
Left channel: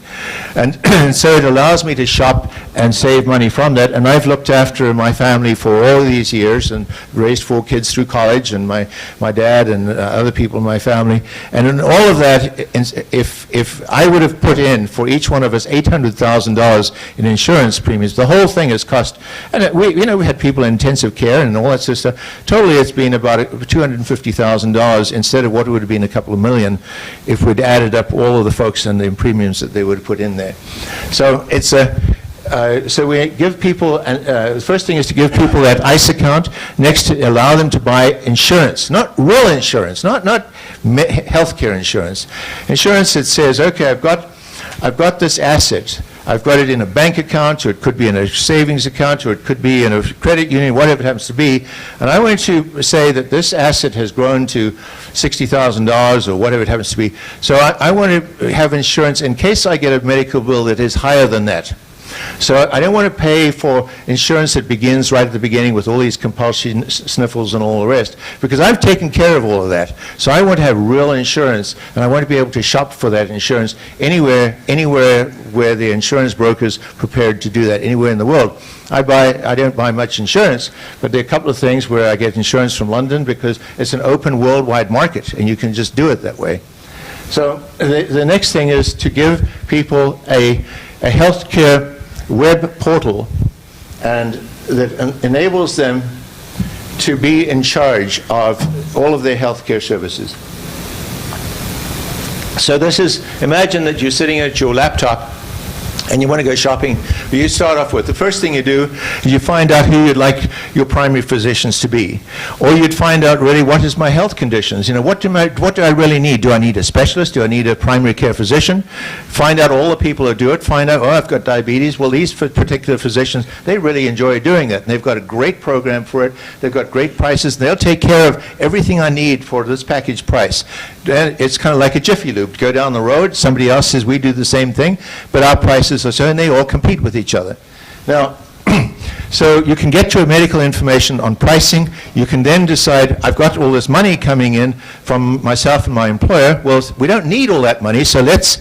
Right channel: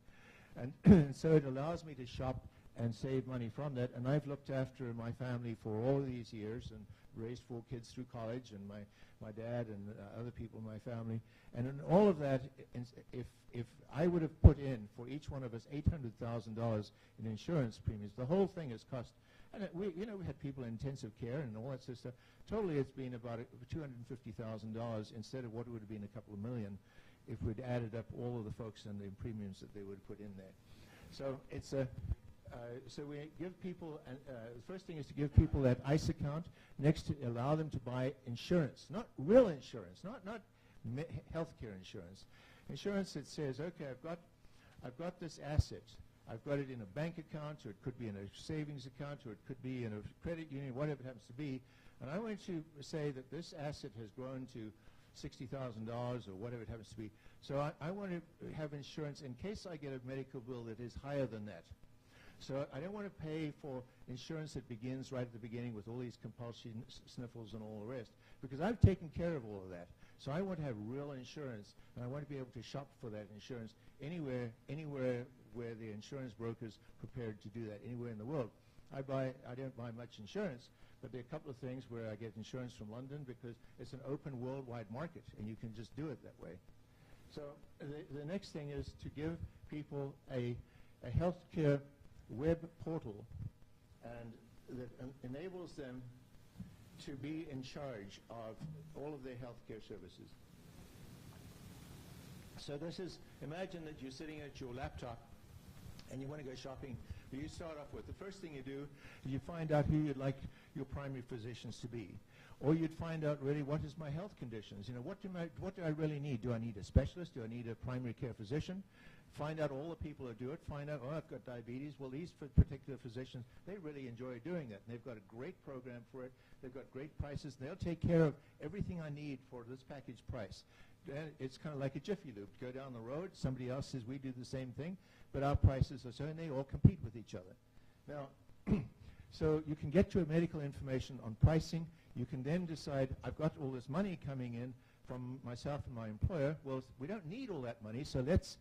And so it allows me to shop and save money from that. And I've looked after my family for all these years and raised 4 kids through college, and my dad and other people in my family. And in all of that, if I would have put in for each one of us $800,000 in insurance premiums, the whole thing has cost, and we had people in intensive care and all that sort of stuff. Totally, it's been about $250,000 instead of what would have been a couple of million if we'd added up all of the folks and the premiums that they would have put in there. So it's so we give people, the first thing is to give people that ICE account. Next, to allow them to buy insurance, not real insurance, not healthcare insurance. Insurance that says, okay, I've got this asset. I've got it in a bank account, or it could be in a savings account, or it could be in a credit union, whatever it happens to be. And I want to say that this asset has grown to $60,000 or whatever it happens to be. So I want to have insurance in case I get a medical bill that is higher than that. So I don't want to pay for insurance that begins right at the beginning with all these compulsion sniffles and all the rest, because I've taken care of all of that. So I want to have real insurance, and I want to be able to shop for that insurance anywhere where the insurance broker's prepared to do that, anywhere in the world. I don't buy much insurance, but there are a couple of things where I get insurance from London because it's an open worldwide market, and you can just do it that way. So the next thing is to give people a healthcare web portal, and that enables them to be in charge of all of their healthcare services. So this is, imagine that you're sitting at your laptop and you want to go shopping. You start off with, the first thing you do is you find out who you'd like your primary physicians to be. Or you'd find out really, what is my health conditions? What do I really need? Do I need a specialist? Do I need a primary care physician? Find out all the people who do it. Find out, oh, I've got diabetes. Well, these particular physicians, they really enjoy doing it. And they've got a great program for it. They've got great prices. They'll take care of everything I need for this package price. It's kind of like a Jiffy Lube. Go down the road, somebody else says we do the same thing, but our prices are so, and they all compete with each other. Now, so you can get your medical information on pricing. You can then decide, I've got all this money coming in from myself and my employer. Well, we don't need all that money, so let's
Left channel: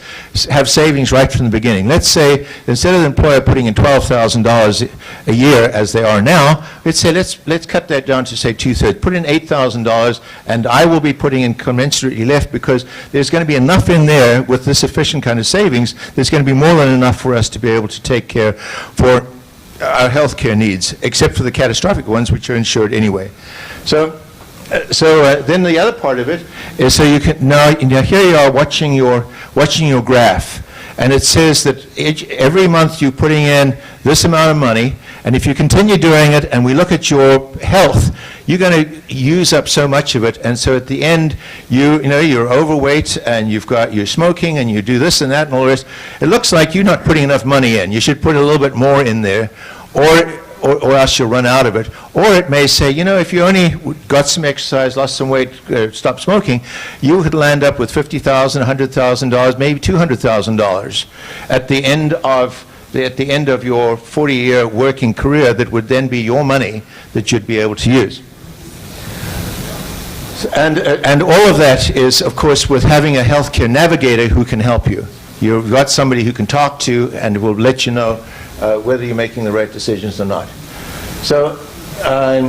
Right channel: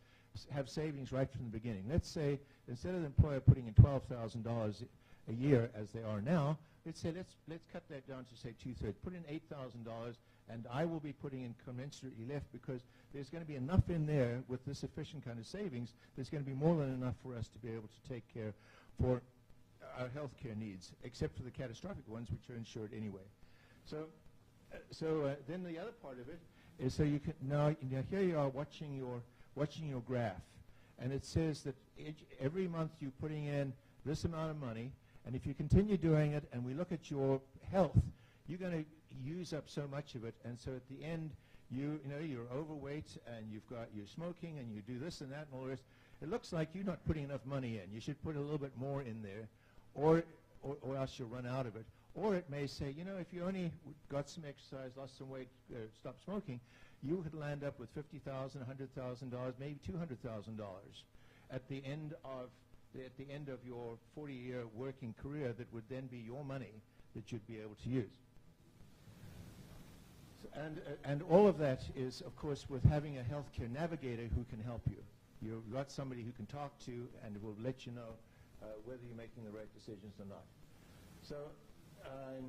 have savings right from the beginning. Let's say, instead of the employer putting in $12,000 a year, as they are now, let's say, let's cut that down to, say, 2/3. Put in $8,000, and I will be putting in commensurately left, because there's going to be enough in there with this efficient kind of savings. There's going to be more than enough for us to be able to take care for our health care needs, except for the catastrophic ones, which are insured anyway. So then the other part of it is, so you can now here you are watching your graph, and it says that every month you're putting in this amount of money, and if you continue doing it, and we look at your health, you're going to use up so much of it, and so at the end, you're overweight, and you're smoking, and you do this and that and all the rest. It looks like you're not putting enough money in. You should put a little bit more in there, or else you'll run out of it. Or it may say, if you only got some exercise, lost some weight, stopped smoking, you could land up with $50,000, $100,000, maybe $200,000 at the end of your 40-year working career. That would then be your money that you'd be able to use. And all of that is, of course, with having a healthcare navigator who can help you. You've got somebody who can talk to and will let you know whether you're making the right decisions or not. So I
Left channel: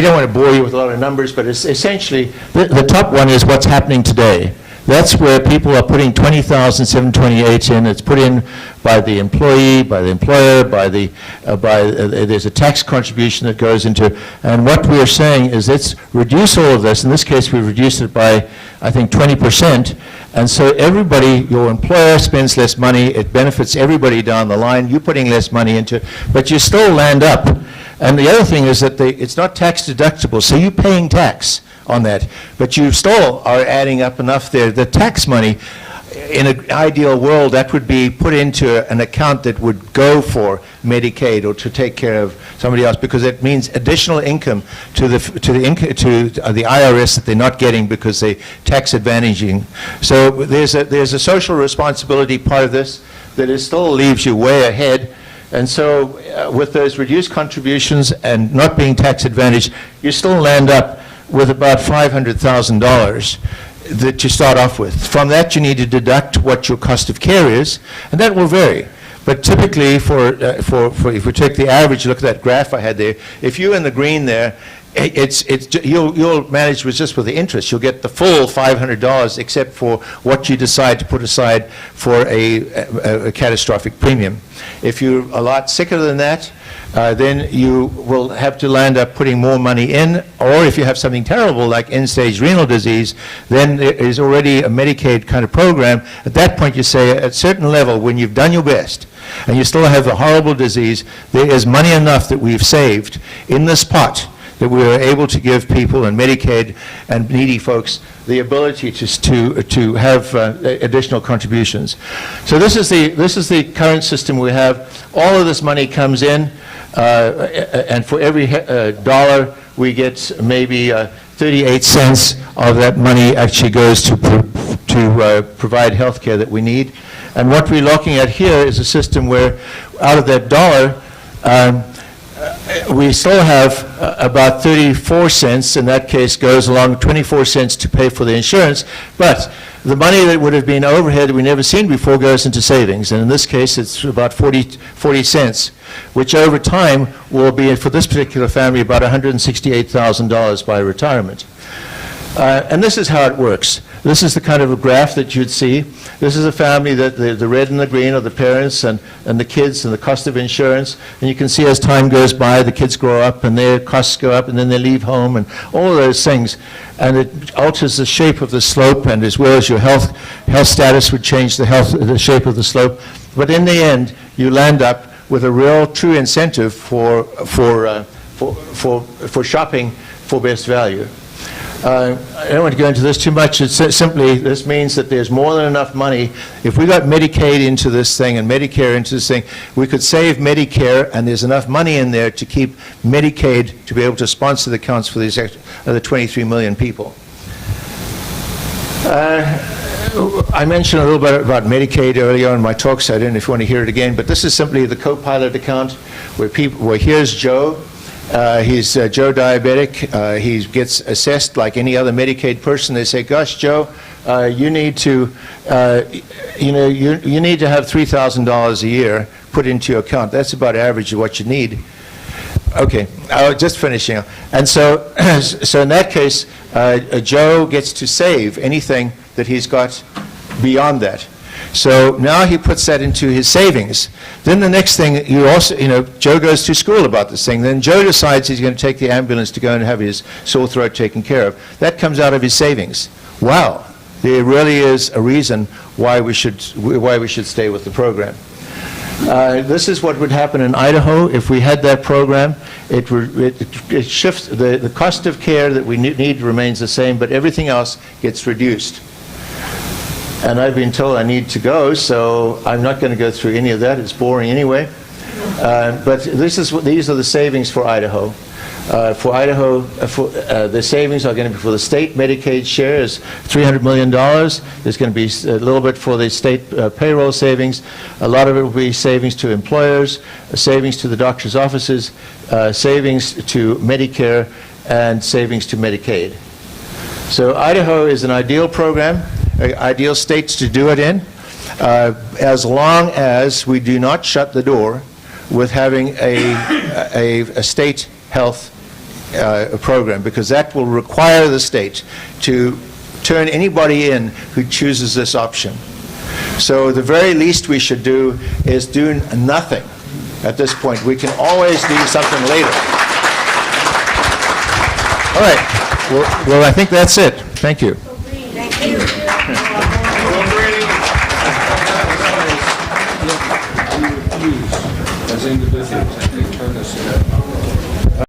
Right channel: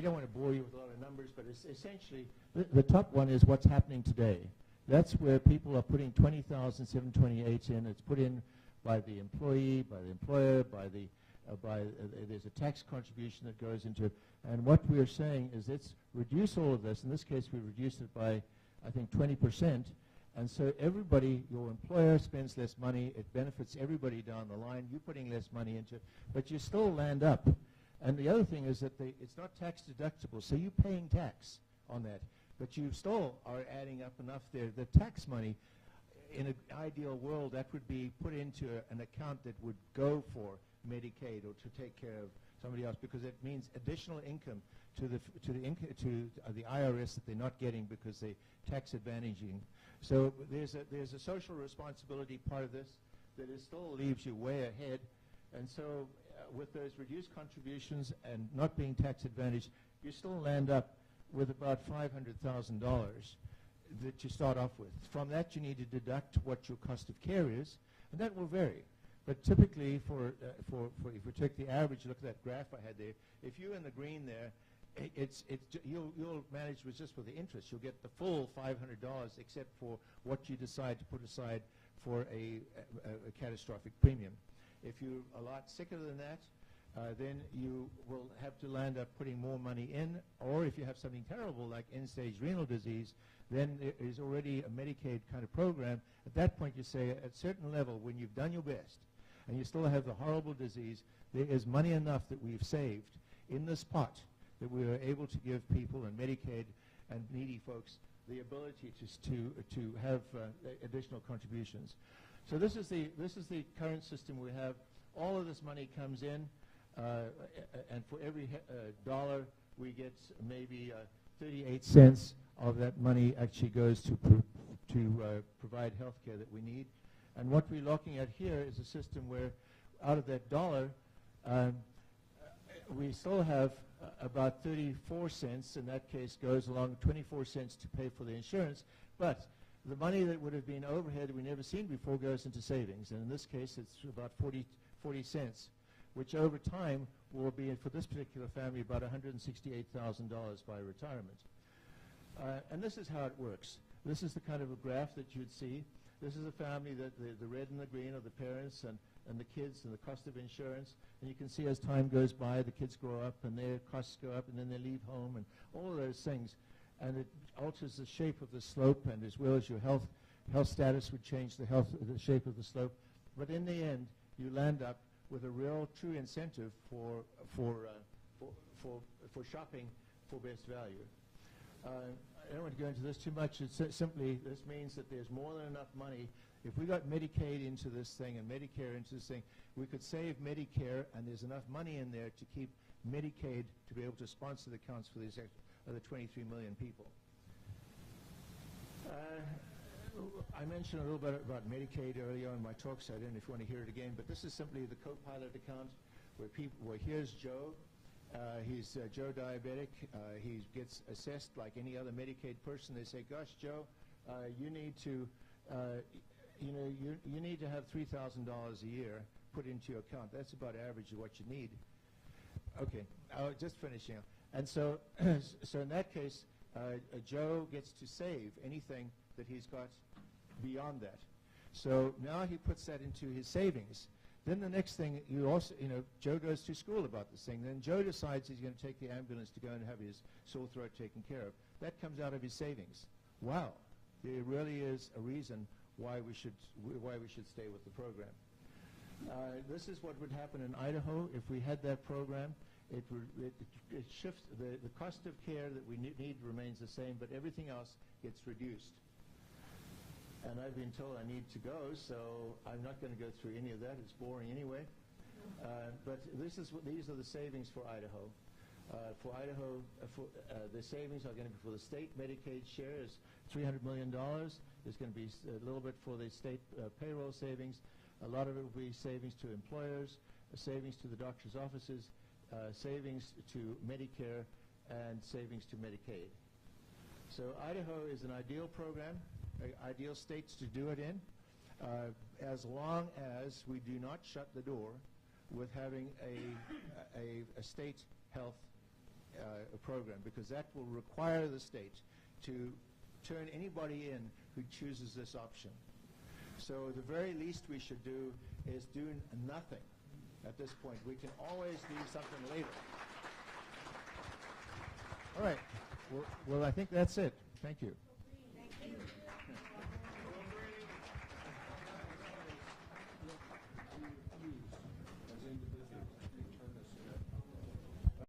don't want to bore you with a lot of numbers, but it's essentially, the top one is what's happening today. That's where people are putting $20,728 in. It's put in by the employee, by the employer, there's a tax contribution that goes into, and what we are saying is let's reduce all of this. In this case, we've reduced it by, I think, 20%, and so everybody, your employer spends less money, it benefits everybody down the line, you're putting less money into, but you still land up. And the other thing is that it's not tax deductible, so you're paying tax on that, but you still are adding up enough there. The tax money, in an ideal world, that would be put into an account that would go for Medicaid or to take care of somebody else, because it means additional income to the IRS that they're not getting because they're tax advantaging. So there's a social responsibility part of this that still leaves you way ahead. And so with those reduced contributions and not being tax advantaged, you still land up with about $500,000 that you start off with. From that, you need to deduct what your cost of care is, and that will vary. But typically, if we take the average, look at that graph I had there, if you're in the green there, you'll manage with just with the interest. You'll get the full $500 except for what you decide to put aside for a catastrophic premium. If you're a lot sicker than that, then you will have to land up putting more money in, or if you have something terrible like end-stage renal disease, then there is already a Medicaid kind of program. At that point, you say at a certain level, when you've done your best, and you still have a horrible disease, there is money enough that we've saved in this pot that we are able to give people and Medicaid and needy folks the ability to have additional contributions. So this is the current system we have. All of this money comes in, and for every dollar we get maybe 38 cents of that money actually goes to provide health care that we need. And what we're looking at here is a system where out of that dollar, we still have about 34 cents, in that case goes along 24 cents to pay for the insurance, but the money that would have been overhead that we've never seen before goes into savings, and in this case it's about 40 cents, which over time will be, for this particular family, about $168,000 by retirement. And this is how it works. This is the kind of a graph that you'd see. This is a family that the red and the green are the parents and the kids and the cost of insurance. And you can see as time goes by, the kids grow up and their costs go up and then they leave home and all of those things. And it alters the shape of the slope, and as well as your health status would change the shape of the slope. But in the end, you land up with a real true incentive for shopping for best value. I don't want to go into this too much. It's simply, this means that there's more than enough money. If we got Medicaid into this thing and Medicare into this thing, we could save Medicare, and there's enough money in there to keep Medicaid to be able to sponsor the accounts for these other 23 million people. I mentioned a little bit about Medicaid earlier in my talk, so I don't know if you want to hear it again, but this is simply the co-pilot account where here's Joe. He's Joe diabetic. He gets assessed like any other Medicaid person. They say, "Gosh, Joe, you need to, you need to have $3,000 a year put into your account. That's about average of what you need." Okay, just finishing. And so, so in that case, Joe gets to save anything that he's got beyond that. So now he puts that into his savings. Then the next thing, Joe goes to school about this thing. Then Joe decides he's going to take the ambulance to go and have his sore throat taken care of. That comes out of his savings. Wow, there really is a reason why we should stay with the program. This is what would happen in Idaho if we had that program. It shifts, the cost of care that we need remains the same, but everything else gets reduced. And I've been told I need to go, so I'm not going to go through any of that. It's boring anyway. But these are the savings for Idaho. For Idaho, the savings are going to be for the state Medicaid share is $300 million. There's going to be a little bit for the state payroll savings. A lot of it will be savings to employers, savings to the doctor's offices, savings to Medicare, and savings to Medicaid. So Idaho is an ideal program, ideal states to do it in, as long as we do not shut the door with having a state health program, because that will require the state to turn anybody in who chooses this option. So the very least we should do is do nothing at this point. We can always do something later. All right. Well, I think that's it. Thank you. Thank you. As individuals, I think turn us